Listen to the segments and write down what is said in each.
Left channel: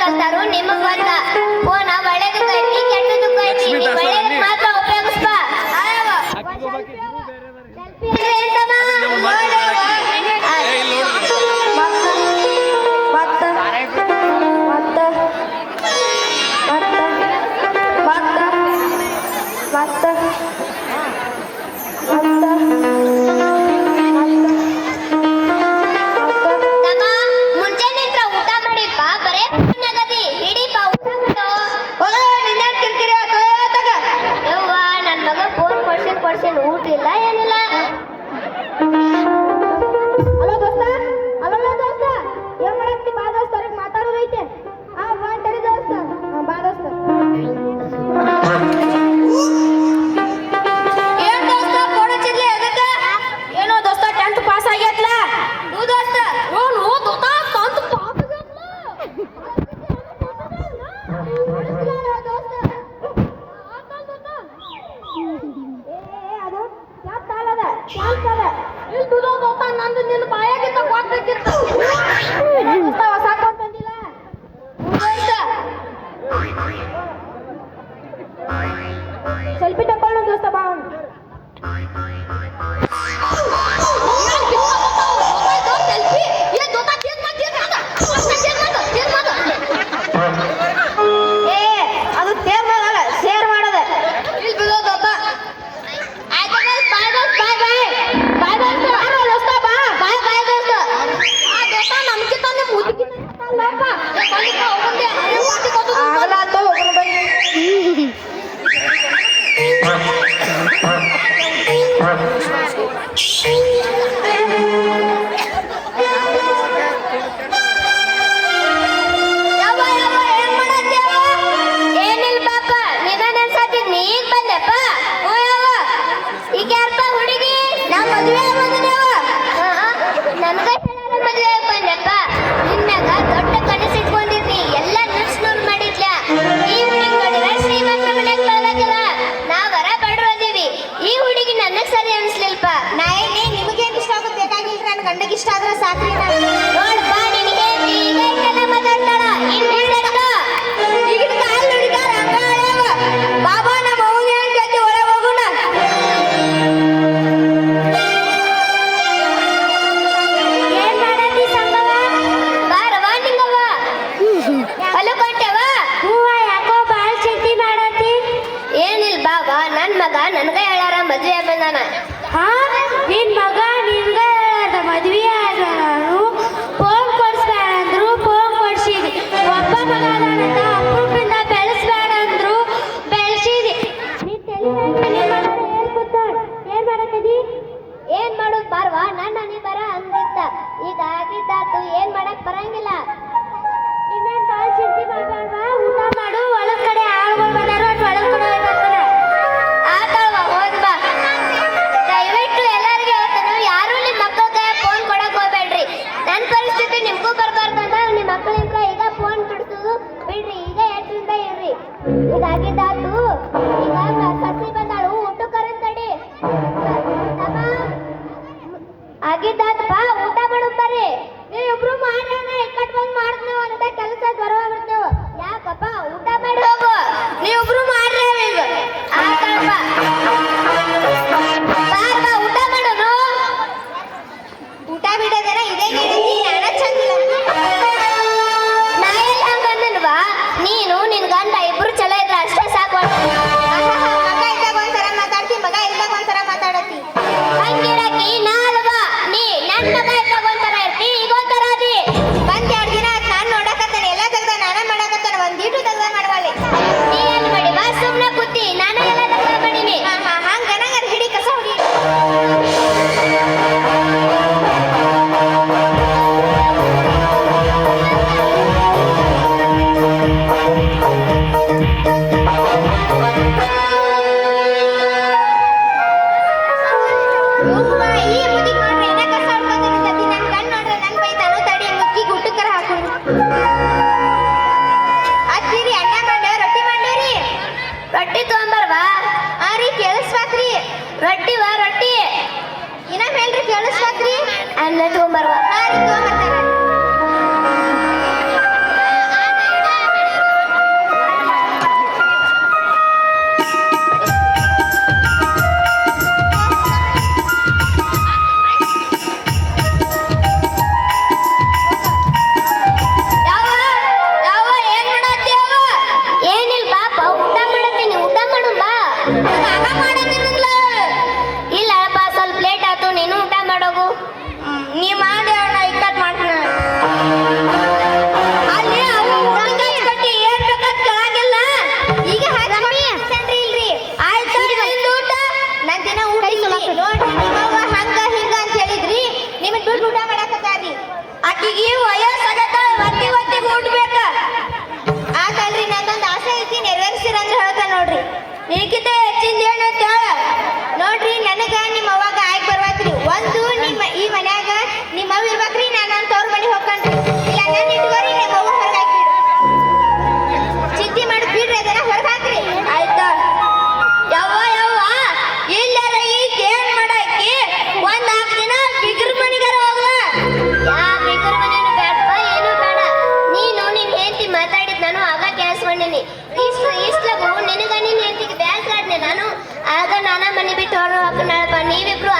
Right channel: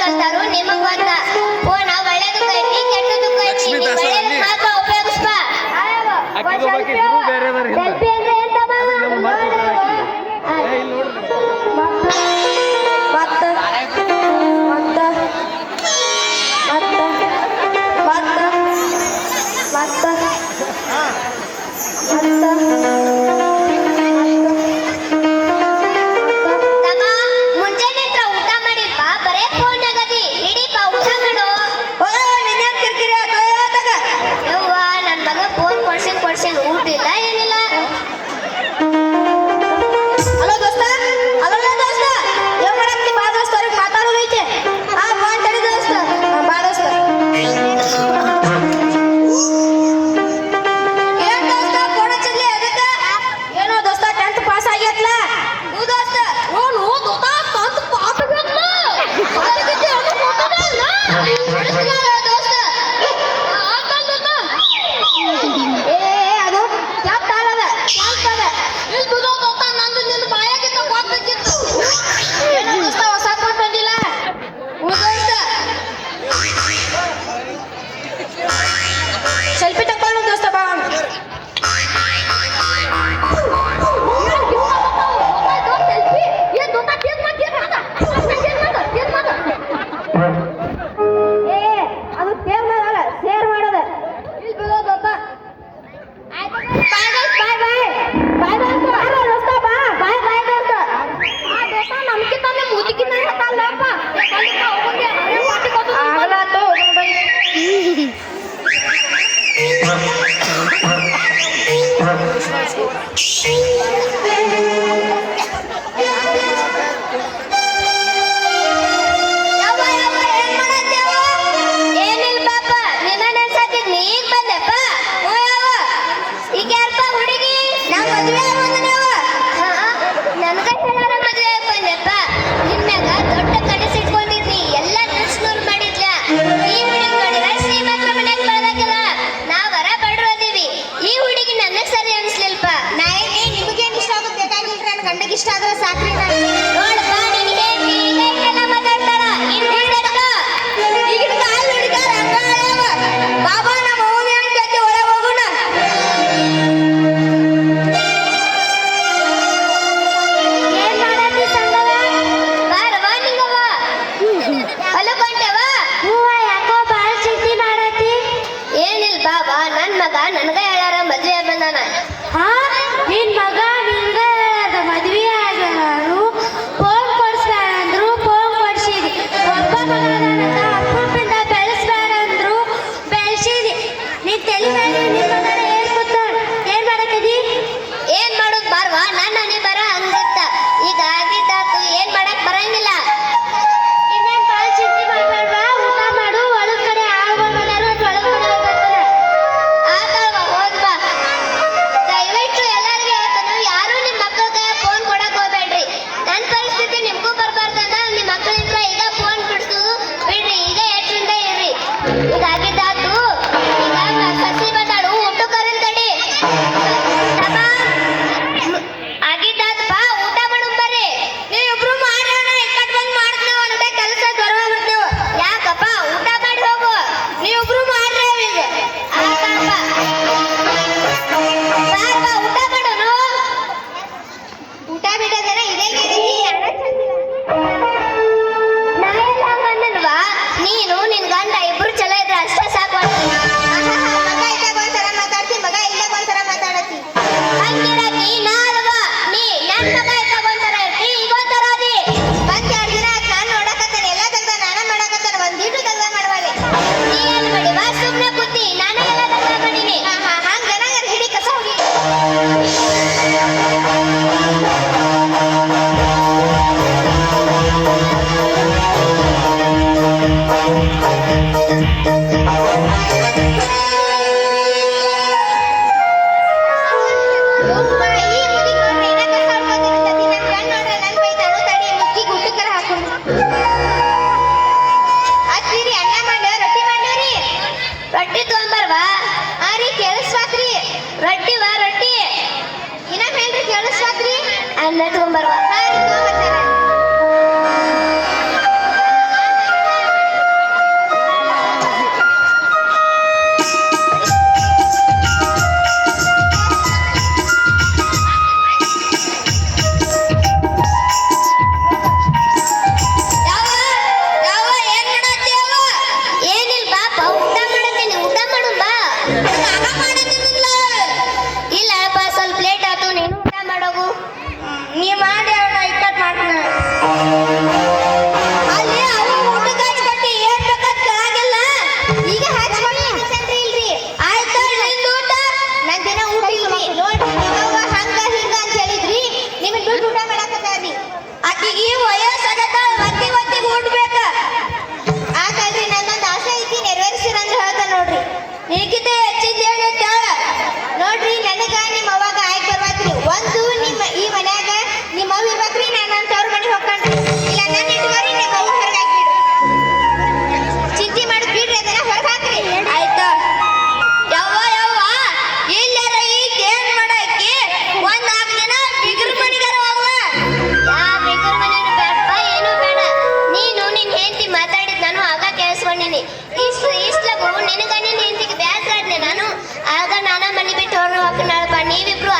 కడతారు నిమ్మకు help ನೀವಿಬ್ರು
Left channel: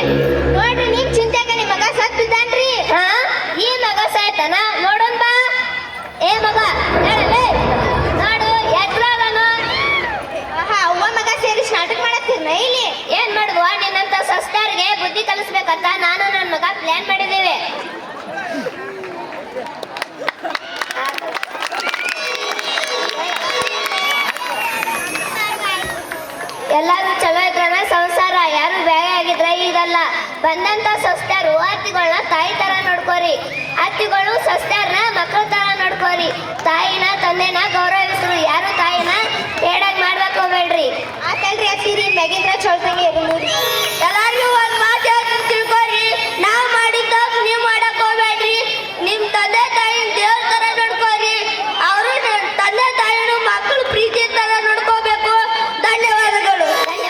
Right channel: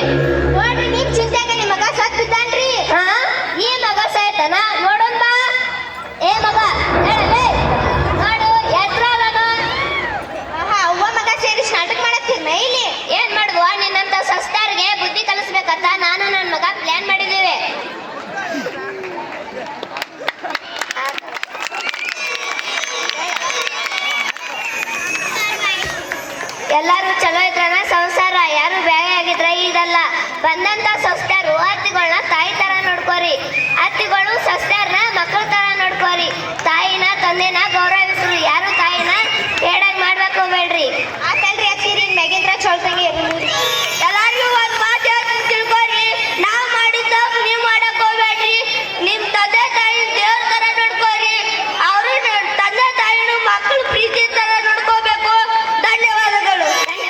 Shit.